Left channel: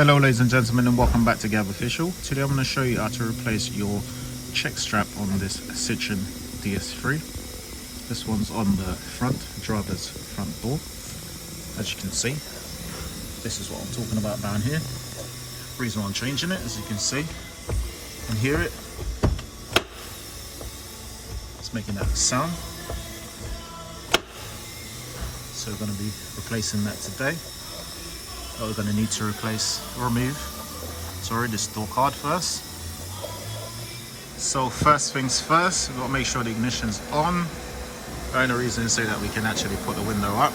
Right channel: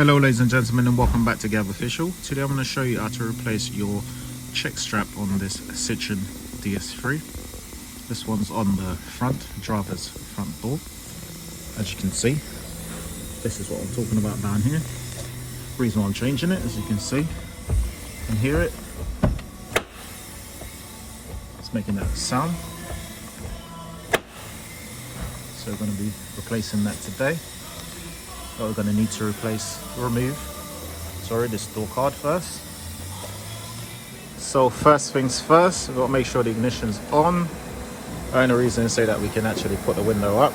Hello ladies and gentlemen, and welcome back to Gav Official. Today I'm going to show you how to replace your check strap on this Citroen DS3. This one's on the front, driver's front door. As you can see, this is what I'm talking about down here. Reason why I'm changing it, as you can see, you can hear it. It's making that sound. So we're going to be replacing that today. We're going to need to remove this door card first. So first things first, we've got to make sure the ignition's on. The only reason is so that we can actually put the window up,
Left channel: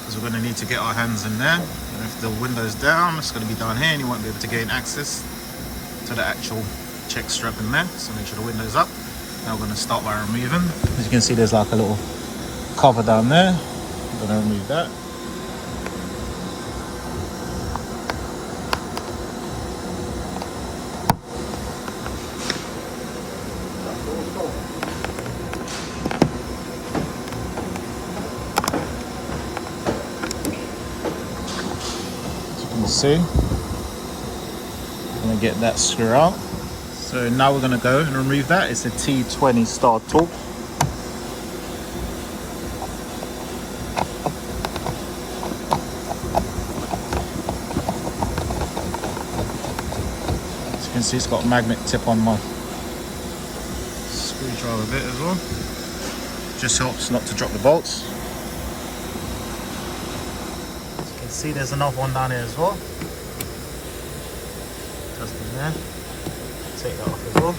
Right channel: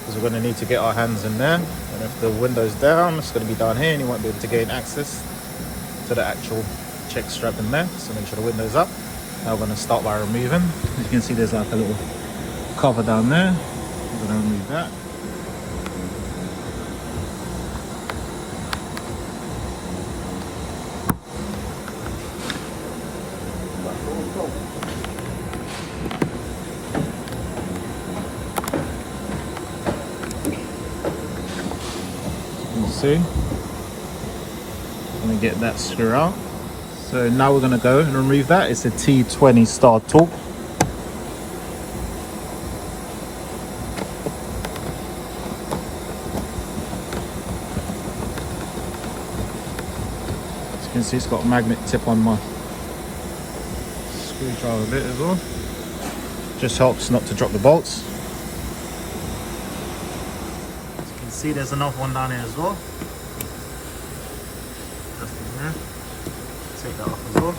because we're going to need to get our hands in there, and if the window's down, it's going to be down here and you won't be able to gain access to the actual check strap in there. So make sure the window's up. Now we're going to start by removing. As you can see, there's like a little cover down there. I'm going to remove that. As you can see, I'm going to get that screw out. So now we're going to go and remove that. It's a T20 star torque. You can see it's got a magnet tip on my screwdriver bit as well. Just helps not to drop the bolts. As you can see, there's another one down here as well. Just in there. Take that off as well.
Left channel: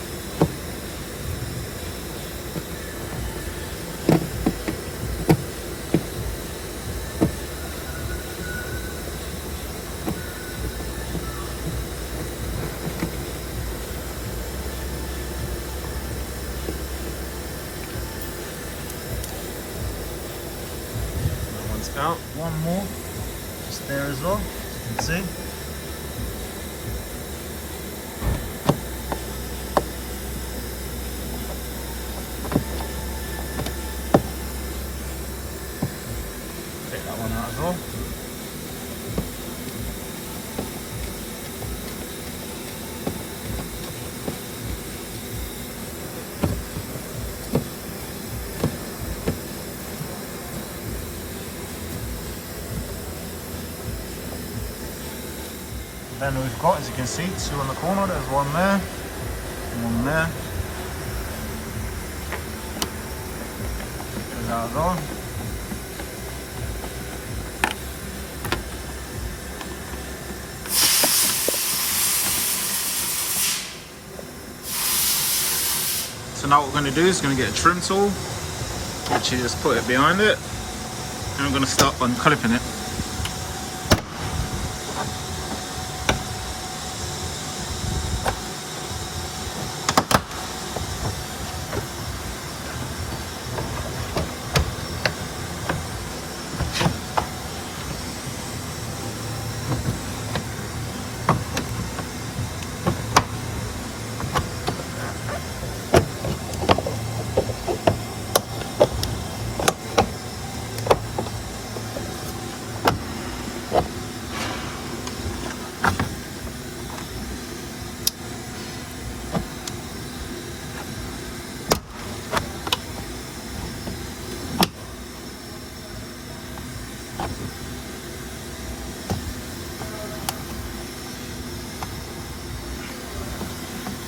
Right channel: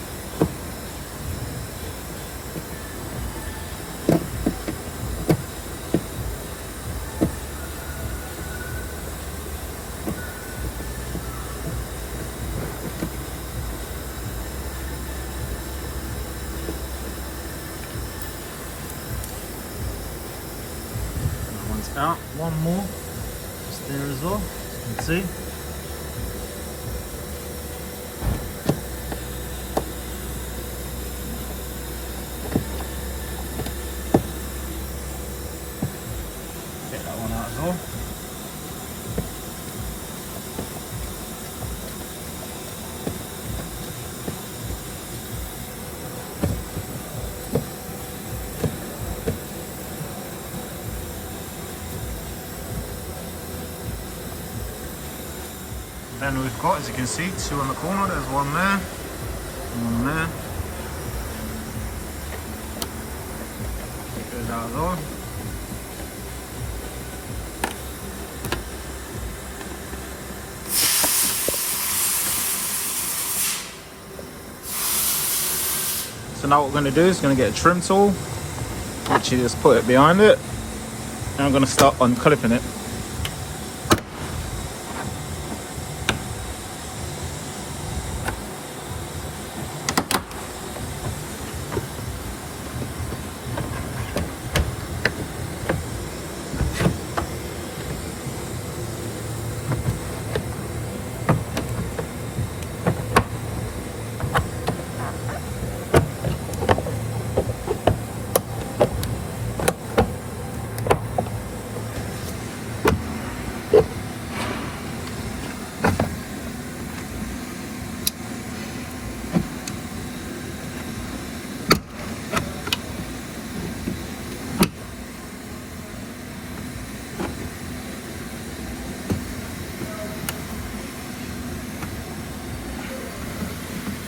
Out one more just there as well, as you can see. Take that one out as well. Then we've got, as you can see, two on the corner. There's one there, and one there. Goes out as well. So now what we're going to do is going to get a trim tool, which you just put it behind it, and I'm going to start unclipping it.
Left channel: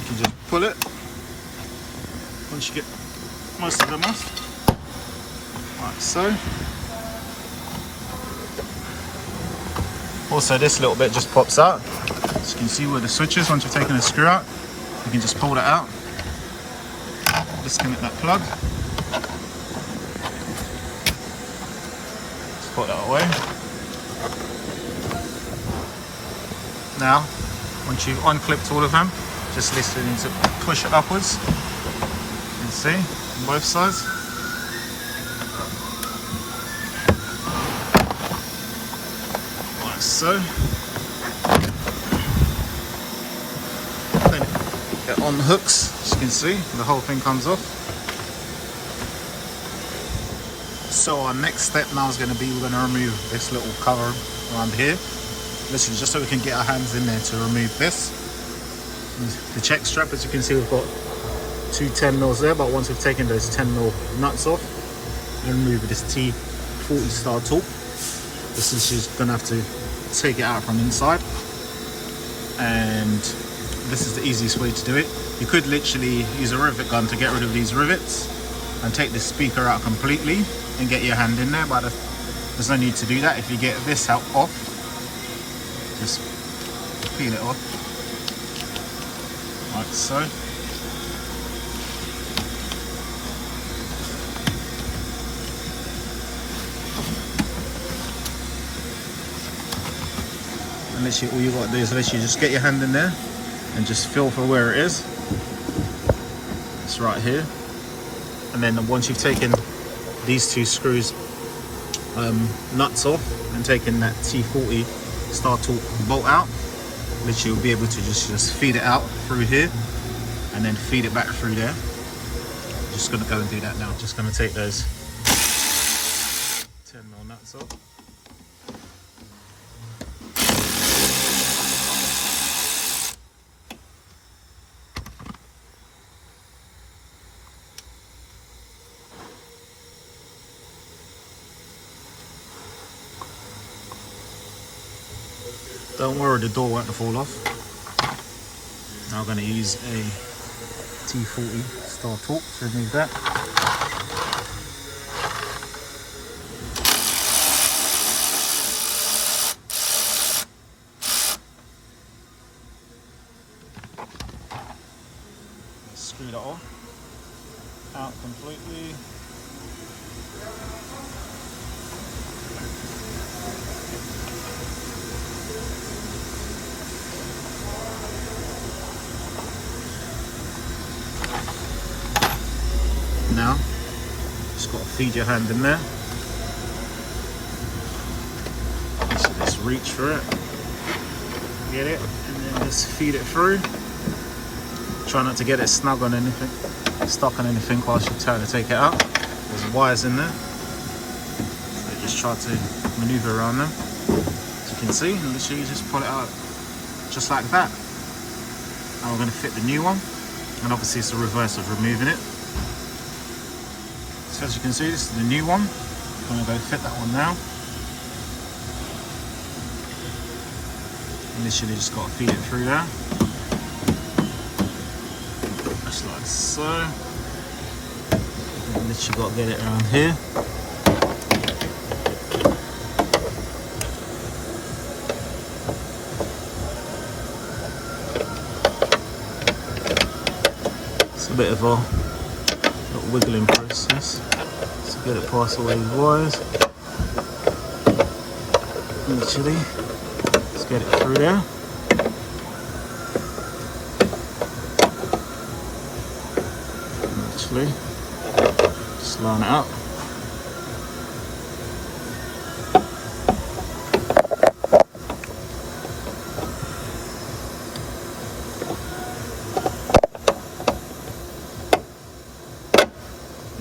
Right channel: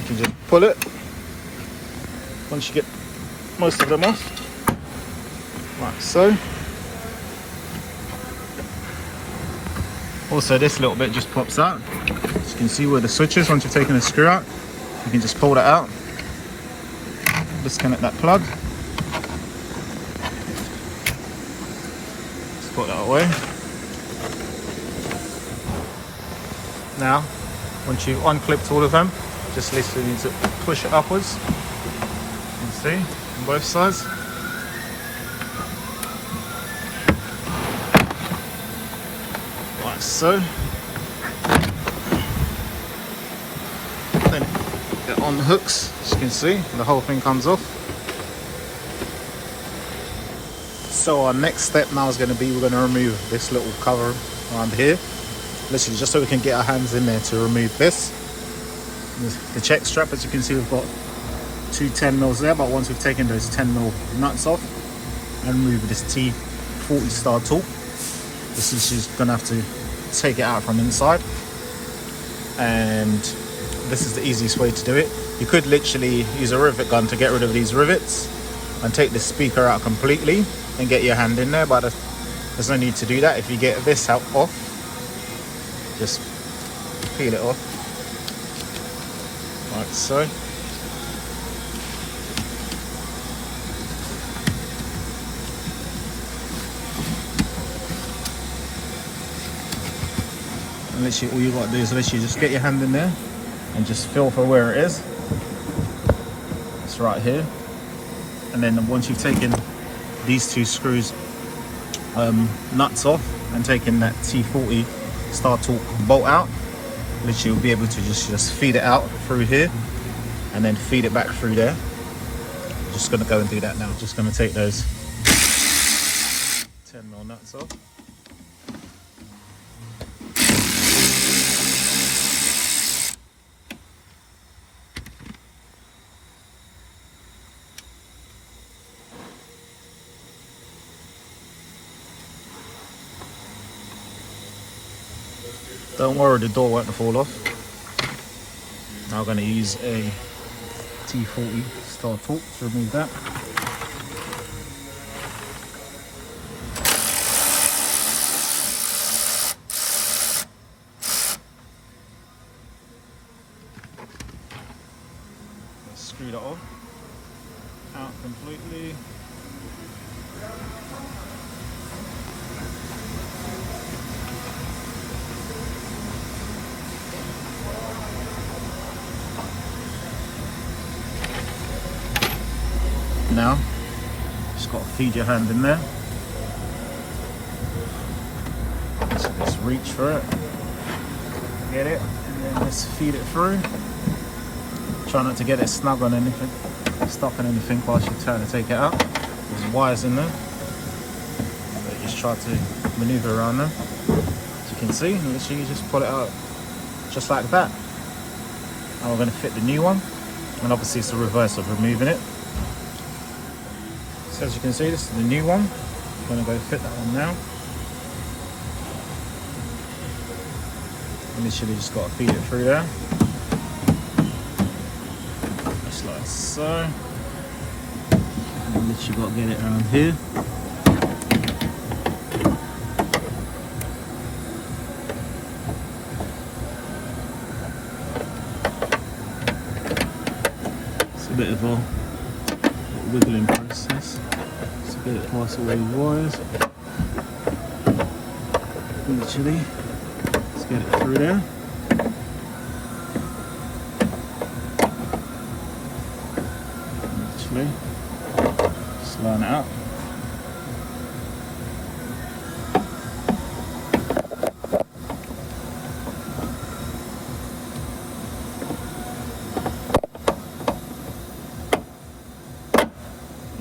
You can just pull it once you get most of them off, like so. Also, this little bit just pops out. As you can see where the switch is, once you've taken the screw out, you can just pull that out, disconnect that plug, just put that away. Now, once you've unclipped all of them, just literally need to push it upwards. You can see on both sides. Like so. Then it unhooks, as you can see, the whole thing comes off. So our next step now is going to be, we're going to remove this little cover around here, literally just so we can get our hands in there to remove this. The check strap, as you can see, we've got two 10mm there, but once we've taken those 10mm nuts off and remove this T40 star tool, this is just going to have to take it out from inside, and this is the easiest way to do it. You could literally use a rivet gun to get rid of these rivets and take the speaker out completely and get your hand in there, but there's no need to do that. If you get this out off, just peel it off like so. And literally all you got to do is literally just get your hand in there and just feel for where it is. It's right here. And then once you've taken these two screws nuts off and taken that T40 Star Torque bolt out, literally you'll be able to just feed it out through here and then feed it back through there. I'm just going to go and do that now. Just going to take those 10mm nuts off. Don't worry, the door won't fall off. Now I'm going to use a T40 Star Torque to remove that. Let's screw that off, out completely. Now, just got to feed your hand in there. So just reach for it, get it, and then just feed it through. Try not to get it snug on anything, stuck on anything whilst you're trying to take it out. There's wires in there, so just try to maneuver around them. As you can see, and literally just pull it out just like that. Now we're going to fit the new one, and obviously it's the reverse of removing it. So as you can see, this is the new one. I'm going to go fit that one now. And literally just got to feed it through there. Just like so. And literally got to get it around here. It's a bit of a wiggling process to get it past all these wires. Literally, let's get it through there. Literally, just line it up.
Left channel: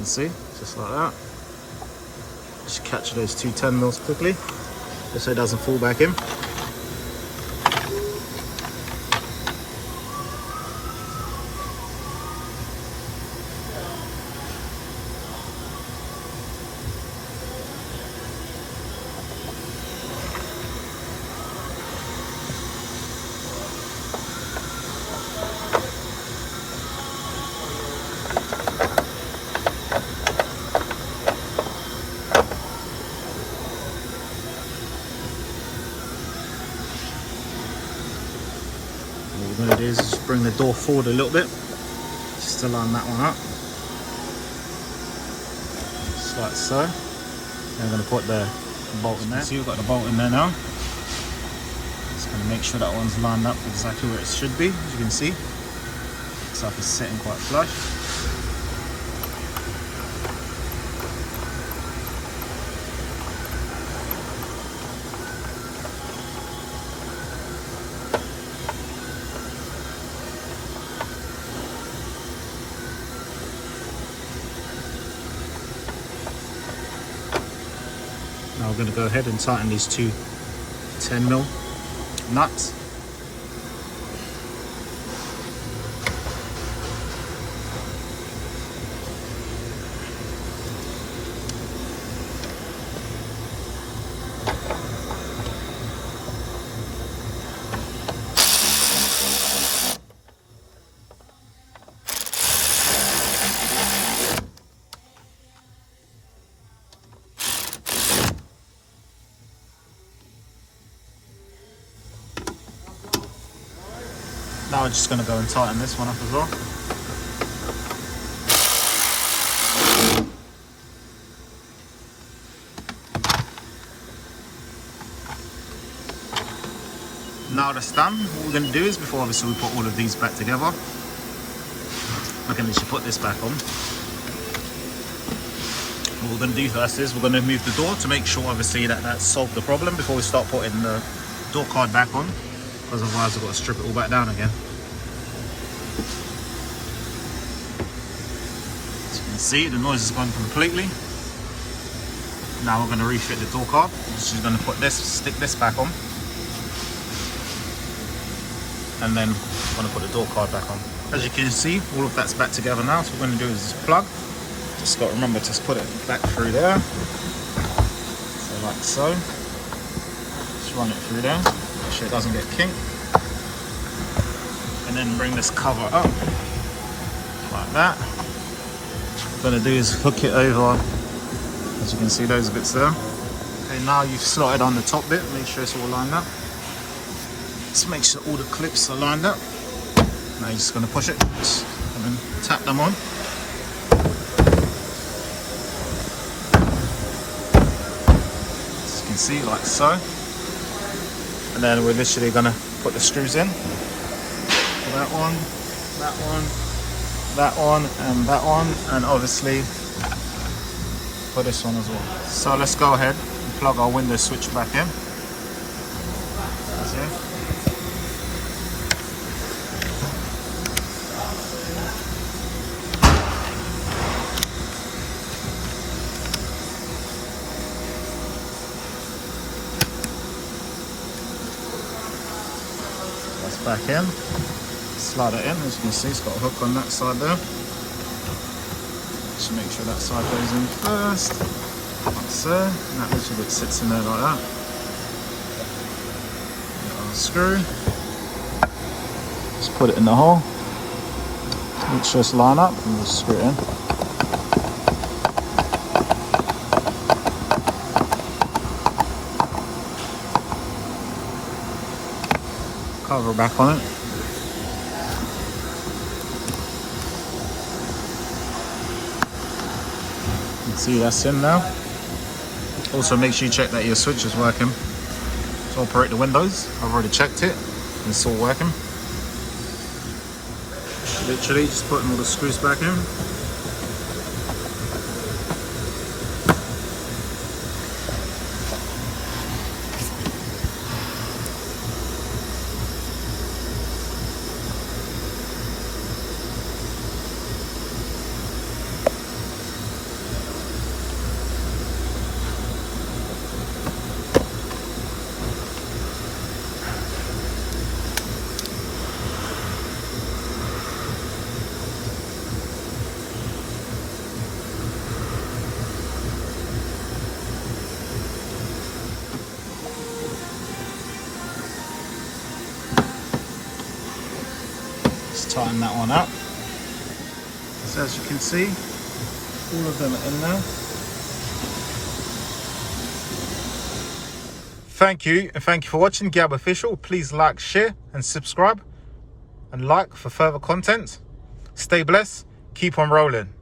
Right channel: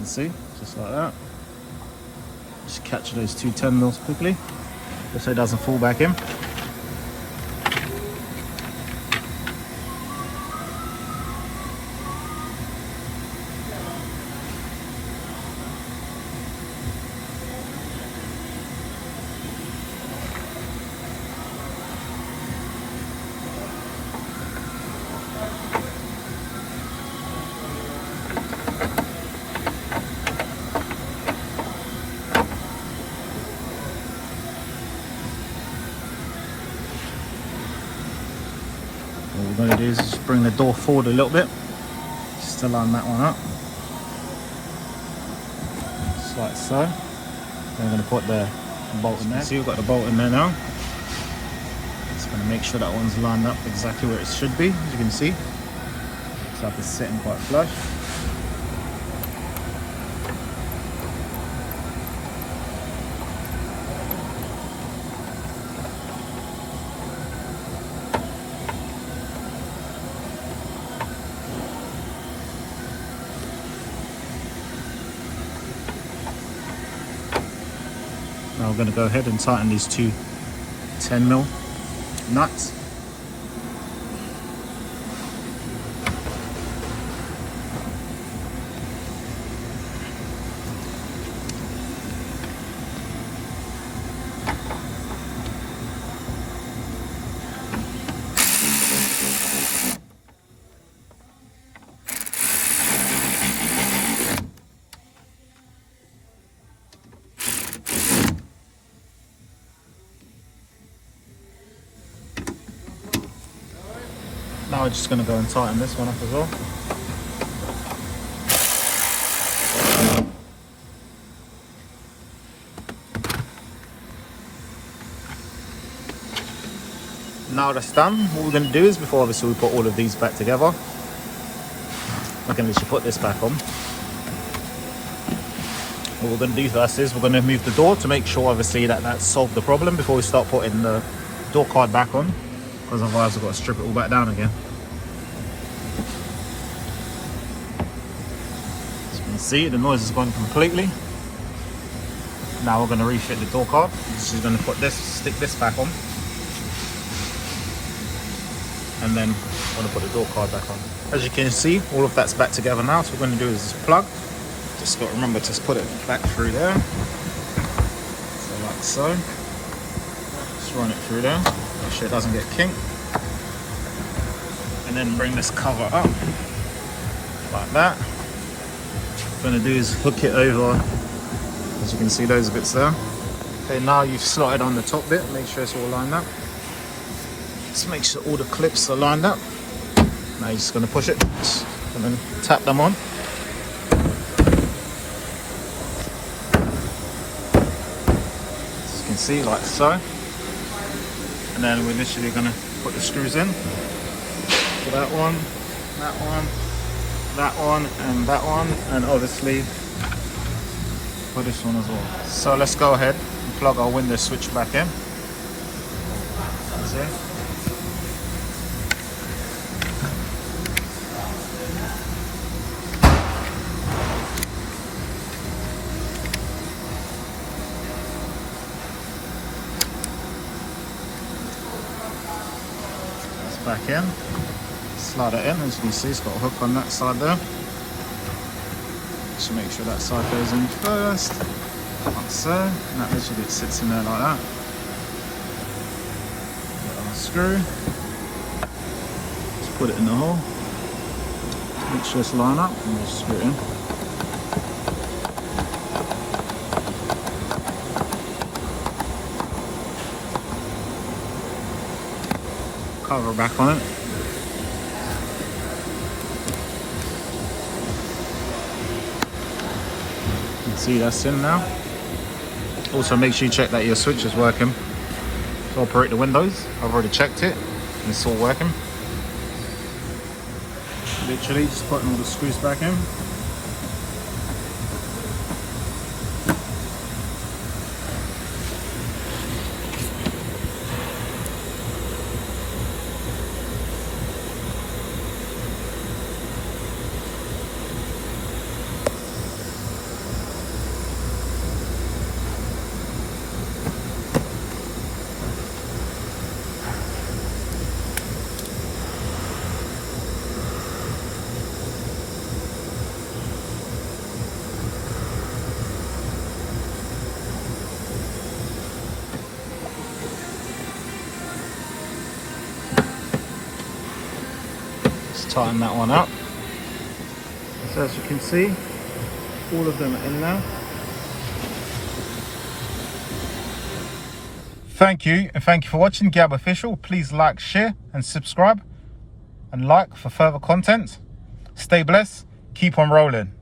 See, just like that. Just catch those two 10mm quickly, just so it doesn't fall back in. All we're going to do is just bring the door forward a little bit, just to line that one up, just like so. Then we're going to put the bolt in there. See, we've got the bolt in there now. Just going to make sure that one's lined up exactly where it should be. As you can see, looks like it's sitting quite flush. Now we're going to go ahead and tighten these two 10mm nuts. Now we're just going to go and tighten this one up as well. Now that's done, what we're going to do is, before obviously we put all of these back together, I can literally put this back on. What we're going to do first is we're going to move the door to make sure obviously that that's solved the problem before we start putting the door card back on, because otherwise we've got to strip it all back down again. As you can see, the noise has gone completely. Now we're going to refit the door card. We're going to put this, stick this back on, and then I'm going to put the door card back on. As you can see, all of that's back together now. So what we're going to do is plug. Just got to remember to put it back through there. So like so. Just run it through there. Make sure it doesn't get kinked. And then bring this cover up like that. What we're going to do is hook it over. As you can see, those bits there. Okay, now you've slotted on the top bit. Make sure it's all lined up. Just make sure all the clips are lined up. Now you're just going to push it and then tap them on. As you can see, like so. And then we're literally going to put the screws in. For that one, that one, that one, and that one. And obviously for this one as well. So let's go ahead and plug our window switch back in. See? Back in, slide it in. As you can see, it's got a hook on that side there. Just make sure that side goes in first, like so, and that literally sits in there like that. Get our screw, just put it in the hole, make sure it's lined up, and we'll screw it in. Cover back on it. You can see that's in now. Also make sure you check that your switch is working to operate the windows. I've already checked it and it's all working. Literally just putting all the screws back in. Tighten that one up. So as you can see, all of them are in now. Thank you, and thank you for watching Gab Official. Please like, share and subscribe, and like for further content. Stay blessed, keep on rolling.